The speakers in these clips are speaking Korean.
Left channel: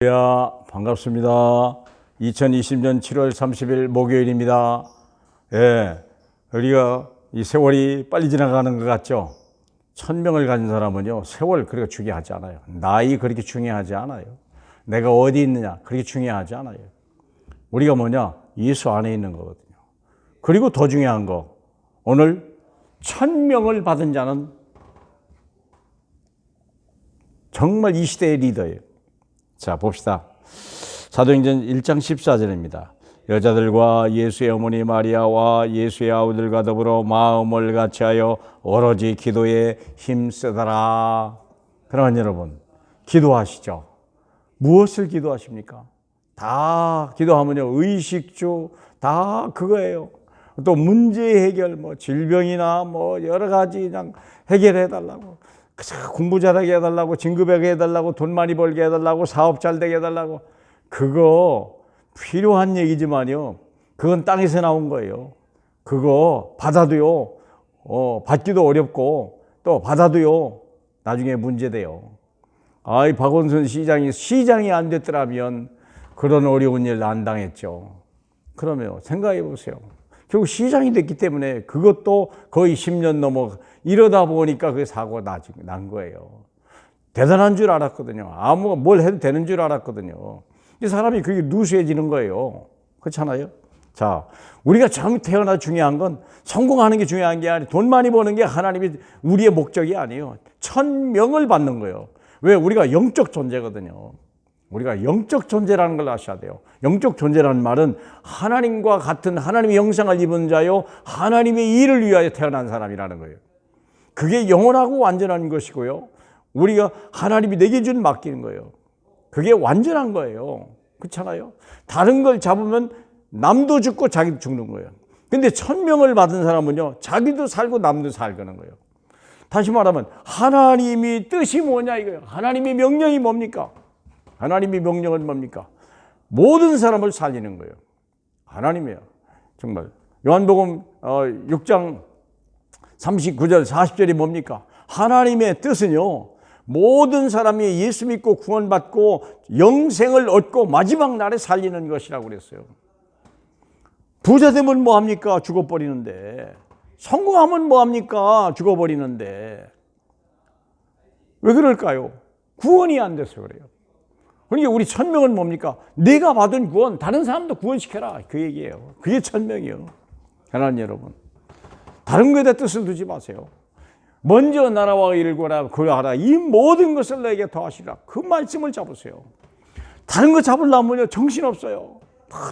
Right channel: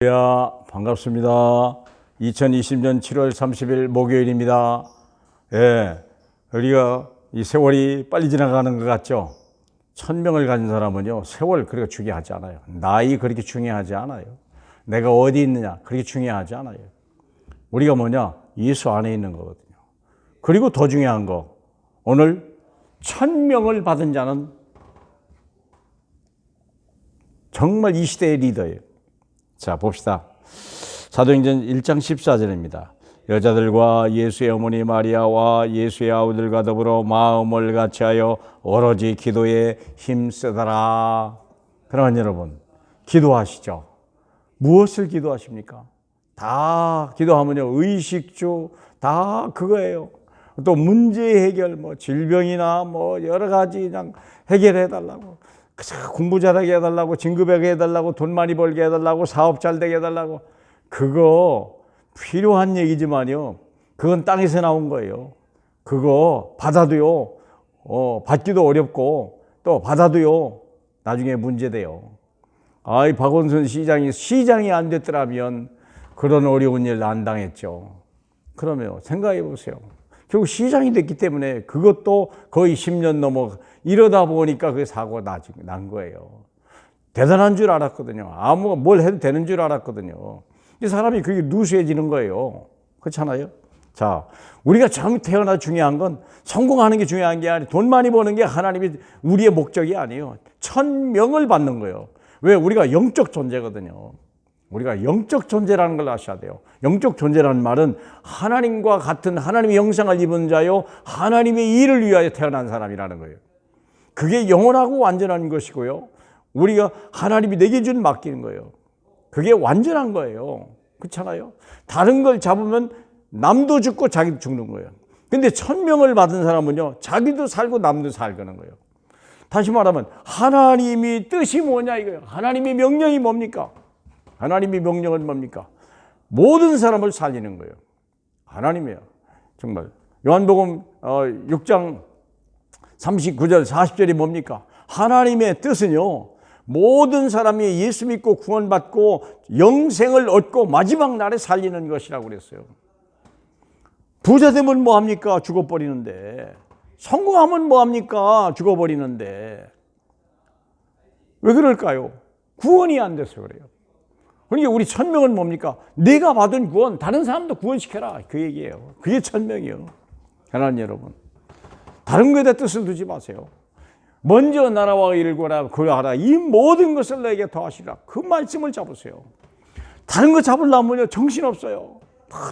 반갑습니다. 2020년 7월 30일 목요일입니다. 우리가 이 세월이 빨리 지나가는 것 같죠? 1000명을 가진 사람은요, 세월 그렇게 중요하지 않아요. 나이 그렇게 중요하지 않아요. 내가 어디 있느냐 그렇게 중요하지 않아요. 우리가 뭐냐? 예수 안에 있는 거거든요. 그리고 더 중요한 거, 오늘 1000명을 받은 자는 정말 이 시대의 리더예요. 자, 봅시다. 사도행전 1장 14절입니다. 여자들과 예수의 어머니 마리아와 예수의 아우들과 더불어 마음을 같이하여 오로지 기도에 힘쓰더라. 그러면 여러분, 기도하시죠. 무엇을 기도하십니까? 다 기도하면요, 의식주 다 그거예요. 또 문제 해결, 질병이나 여러 가지 그냥 해결해 달라고. 공부 잘하게 해달라고, 진급하게 해달라고, 돈 많이 벌게 해달라고, 사업 잘 되게 해달라고. 그거 필요한 얘기지만요, 그건 땅에서 나온 거예요. 그거 받아도요, 받기도 어렵고 또 받아도요, 나중에 문제돼요. 이 박원순 시장이 안 됐더라면 그런 어려운 일 안 당했죠. 그러면 생각해 보세요. 결국 시장이 됐기 때문에 그것도 거의 10년 넘어 이러다 보니까 그 사고가 난 거예요. 대단한 줄 알았거든요. 뭘 해도 되는 줄 알았거든요. 이 사람이 그게 누수해지는 거예요. 그렇잖아요? 자, 우리가 처음 태어나 중요한 건 성공하는 게 중요한 게 아니에요. 돈 많이 버는 게 하나님이 우리의 목적이 아니에요. 1000명을 받는 거예요. 왜? 우리가 영적 존재거든요. 우리가 영적 존재라는 걸 아셔야 돼요. 영적 존재라는 말은 하나님과 같은 하나님의 형상을 입은 자요, 하나님의 일을 위하여 태어난 사람이라는 거예요. 그게 영원하고 완전한 것이고요, 우리가 하나님이 내게 준 맡기는 거예요. 그게 완전한 거예요. 그렇잖아요? 다른 걸 잡으면 남도 죽고 자기도 죽는 거예요. 근데 1000명을 받은 사람은요, 자기도 살고 남도 살거는 거예요. 다시 말하면 하나님이 뜻이 뭐냐 이거예요. 하나님의 명령이 뭡니까? 하나님의 명령은 뭡니까? 모든 사람을 살리는 거예요. 하나님이에요. 정말. 요한복음 6장 39절 40절이 뭡니까? 하나님의 뜻은요, 모든 사람이 예수 믿고 구원받고 영생을 얻고 마지막 날에 살리는 것이라고 그랬어요. 부자 되면 뭐합니까? 죽어버리는데. 성공하면 뭐합니까? 죽어버리는데. 왜 그럴까요? 구원이 안 돼서 그래요. 그러니까 우리 1000명은 뭡니까? 내가 받은 구원, 다른 사람도 구원시켜라. 그 얘기예요. 그게 1000명이에요. 하나님 여러분, 다른 거에다 뜻을 두지 마세요. 먼저 나라와 일을 구하라, 그러하라. 이 모든 것을 내게 더하시라. 그 말씀을 잡으세요. 다른 거 잡으려면요, 정신없어요.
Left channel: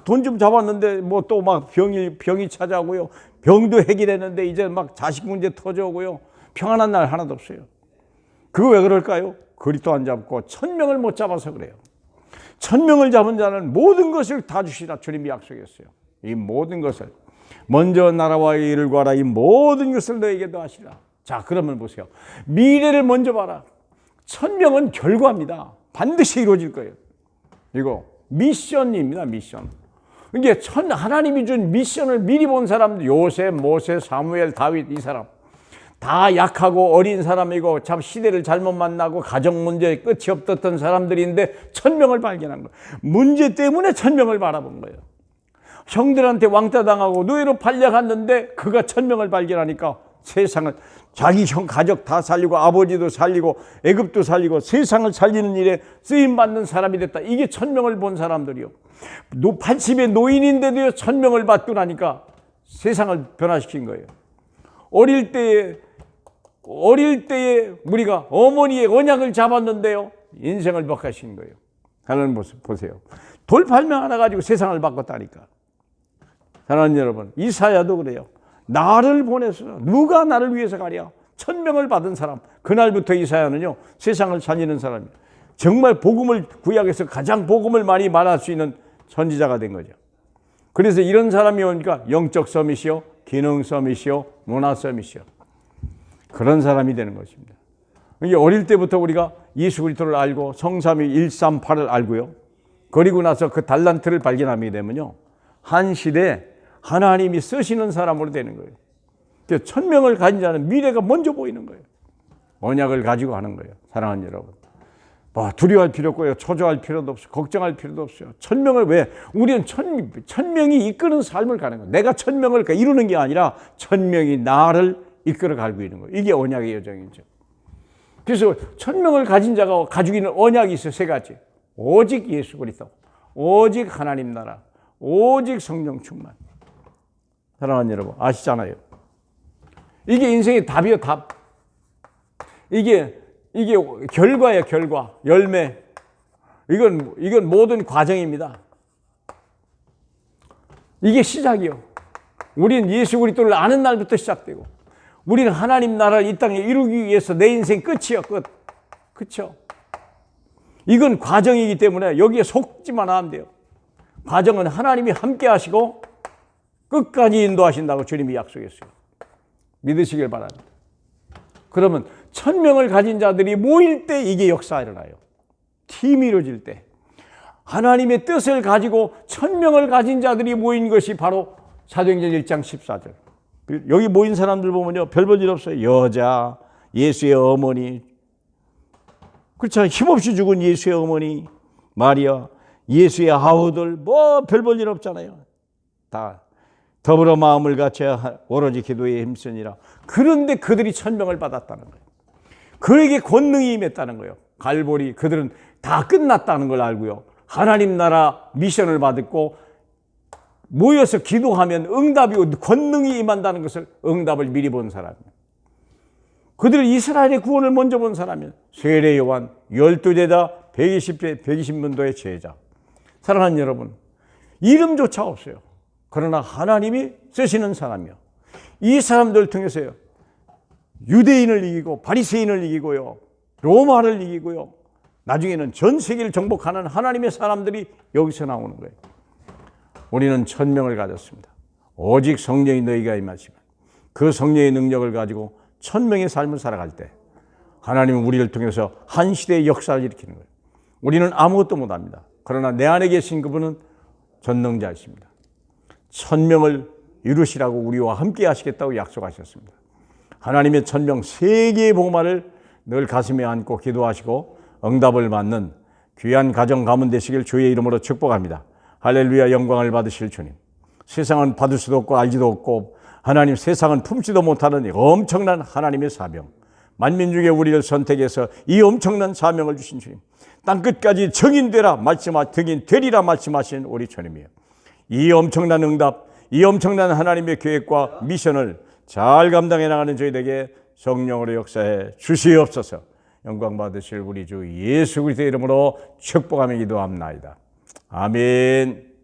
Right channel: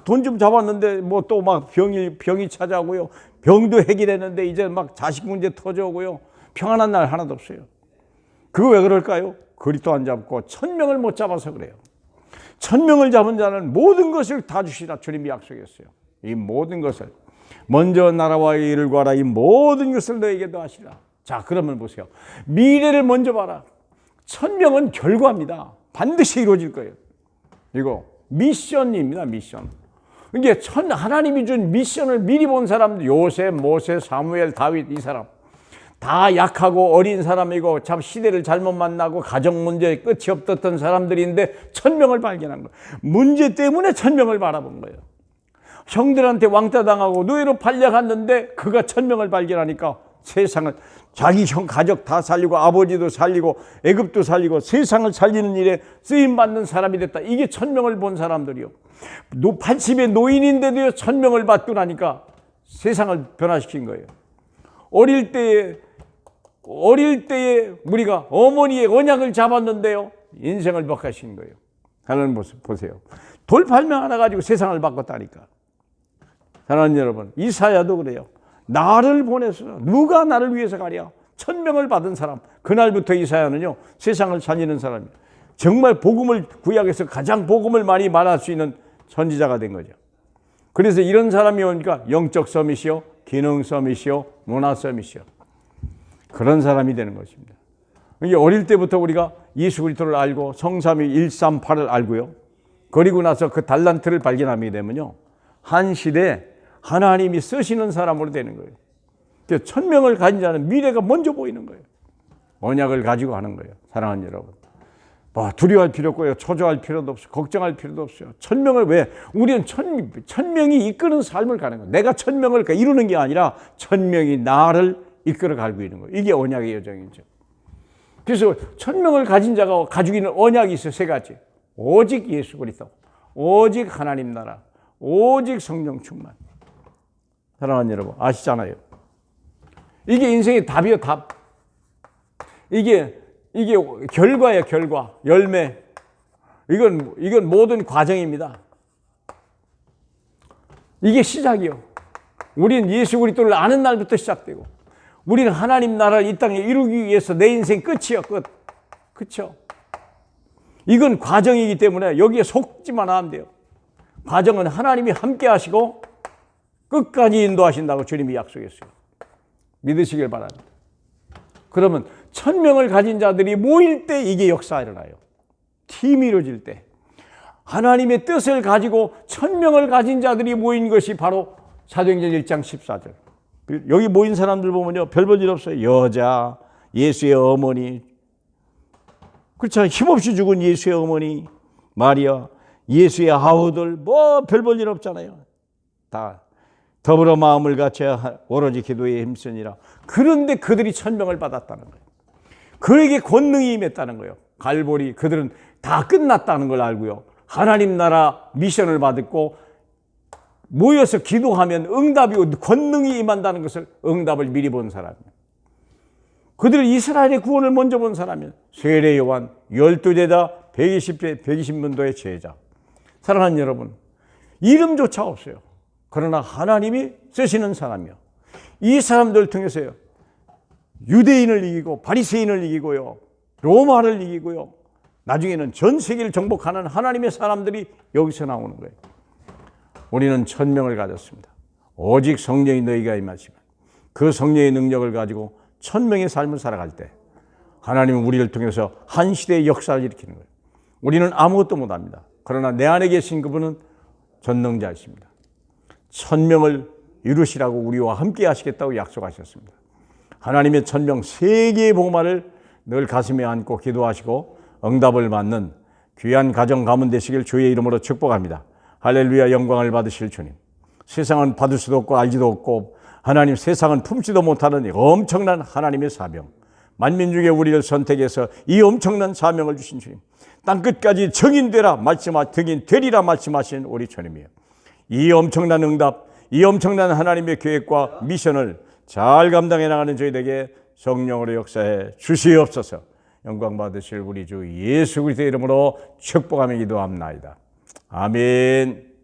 돈 좀 잡았는데 또 막 병이 찾아오고요. 병도 해결했는데 이제 막 자식 문제 터져오고요. 평안한 날 하나도 없어요. 그거 왜 그럴까요? 그리스도 안 잡고 1000명을 못 잡아서 그래요. 1000명을 잡은 자는 모든 것을 다 주시라 주님이 약속했어요. 이 모든 것을, 먼저 나라와 일을 구하라. 이 모든 것을 너에게도 하시라. 자, 그러면 보세요. 미래를 먼저 봐라. 1000명은 결과입니다. 반드시 이루어질 거예요. 이거 미션입니다. 미션. 이게 하나님이 준 미션을 미리 본 사람들, 요셉, 모세, 사무엘, 다윗, 이 사람 다 약하고 어린 사람이고 참 시대를 잘못 만나고 가정 문제에 끝이 없었던 사람들인데 1000명을 발견한 거예요. 문제 때문에 1000명을 바라본 거예요. 형들한테 왕따 당하고 노예로 팔려갔는데 그가 1000명을 발견하니까 세상을, 자기 형 가족 다 살리고 아버지도 살리고 애굽도 살리고 세상을 살리는 일에 쓰임받는 사람이 됐다. 이게 1000명을 본 사람들이요. 80의 노인인데도 1000명을 받고 나니까 세상을 변화시킨 거예요. 어릴 때에 우리가 어머니의 언약을 잡았는데요, 인생을 바꾸신 거예요. 하나님 모습 보세요. 돌팔명 하나 가지고 세상을 바꿨다니까. 하나님 여러분, 이사야도 그래요. 나를 보내서 누가 나를 위해서 가랴? 1000명을 받은 사람. 그날부터 이사야는요, 세상을 살리는 사람이에요. 정말 복음을, 구약에서 가장 복음을 많이 말할 수 있는 선지자가 된 거죠. 그래서 이런 사람이 오니까 영적 서밋이요, 기능 서밋이요, 문화 서밋이요, 그런 사람이 되는 것입니다. 이게 어릴 때부터 우리가 예수 그리스도를 알고 성삼위 138을 알고요, 그리고 나서 그 달란트를 발견하게 되면요, 한 시대에 하나님이 쓰시는 사람으로 되는 거예요. 1000명을 가진 자는 미래가 먼저 보이는 거예요. 언약을 가지고 하는 거예요. 사랑하는 여러분, 뭐 두려워할 필요 없고요. 초조할 필요도 없어요. 걱정할 필요도 없어요. 천명을 왜? 우리는 천명이 이끄는 삶을 가는 거예요. 내가 천명을 이루는 게 아니라 천명이 나를 이끌어 가고 있는 거예요. 이게 언약의 여정이죠. 그래서 천명을 가진 자가 가지고 있는 언약이 있어요. 세 가지. 오직 예수 그리스도, 오직 하나님 나라, 오직 성령 충만. 사랑하는 여러분, 아시잖아요. 이게 인생의 답이요, 답. 이게 결과예요, 결과. 열매. 이건 모든 과정입니다. 이게 시작이요. 우리는 예수 그리스도를 아는 날부터 시작되고, 우리는 하나님 나라를 이 땅에 이루기 위해서 내 인생 끝이요, 끝. 그렇죠? 이건 과정이기 때문에 여기에 속지만 하면 돼요. 과정은 하나님이 함께 하시고 끝까지 인도하신다고 주님이 약속했어요. 믿으시길 바랍니다. 그러면 천명을 가진 자들이 모일 때 이게 역사가 일어나요. 팀이 이루어질 때. 하나님의 뜻을 가지고 천명을 가진 자들이 모인 것이 바로 사도행전 1장 14절. 여기 모인 사람들 보면요, 별 볼 일 없어요. 여자, 예수의 어머니, 그렇죠. 힘없이 죽은 예수의 어머니 마리아, 예수의 아우들, 뭐 별 볼 일 없잖아요. 다 더불어 마음을 같이 오로지 기도에 힘쓰니라. 그런데 그들이 천명을 받았다는 거예요. 그에게 권능이 임했다는 거예요. 갈보리, 그들은 다 끝났다는 걸 알고요. 하나님 나라 미션을 받았고 모여서 기도하면 응답이 권능이 임한다는 것을 응답을 미리 본 사람이에요. 그들은 이스라엘의 구원을 먼저 본 사람이에요. 세례 요한, 12제자, 120문도의 제자. 사랑하는 여러분, 이름조차 없어요. 그러나 하나님이 쓰시는 사람이요. 이 사람들 통해서요, 유대인을 이기고 바리새인을 이기고요, 로마를 이기고요, 나중에는 전 세계를 정복하는 하나님의 사람들이 여기서 나오는 거예요. 우리는 천명을 가졌습니다. 오직 성령이 너희가 임하시면 그 성령의 능력을 가지고 천명의 삶을 살아갈 때 하나님은 우리를 통해서 한 시대의 역사를 일으키는 거예요. 우리는 아무것도 못합니다. 그러나 내 안에 계신 그분은 전능자이십니다. 천명을 이루시라고 우리와 함께 하시겠다고 약속하셨습니다. 하나님의 천명 세 개의 복음화를 늘 가슴에 안고 기도하시고 응답을 받는 귀한 가정 가문 되시길 주의 이름으로 축복합니다. 할렐루야. 영광을 받으실 주님. 세상은 받을 수도 없고 알지도 없고 하나님 세상은 품지도 못하는 엄청난 하나님의 사명. 만민 중에 우리를 선택해서 이 엄청난 사명을 주신 주님. 땅끝까지 정인되라 되리라 말씀하신 우리 주님이에요. 이 엄청난 응답, 이 엄청난 하나님의 계획과 미션을 잘 감당해 나가는 저희에게 성령으로 역사해 주시옵소서. 영광 받으실 우리 주 예수 그리스도의 이름으로 축복하며 기도합나이다. 아멘.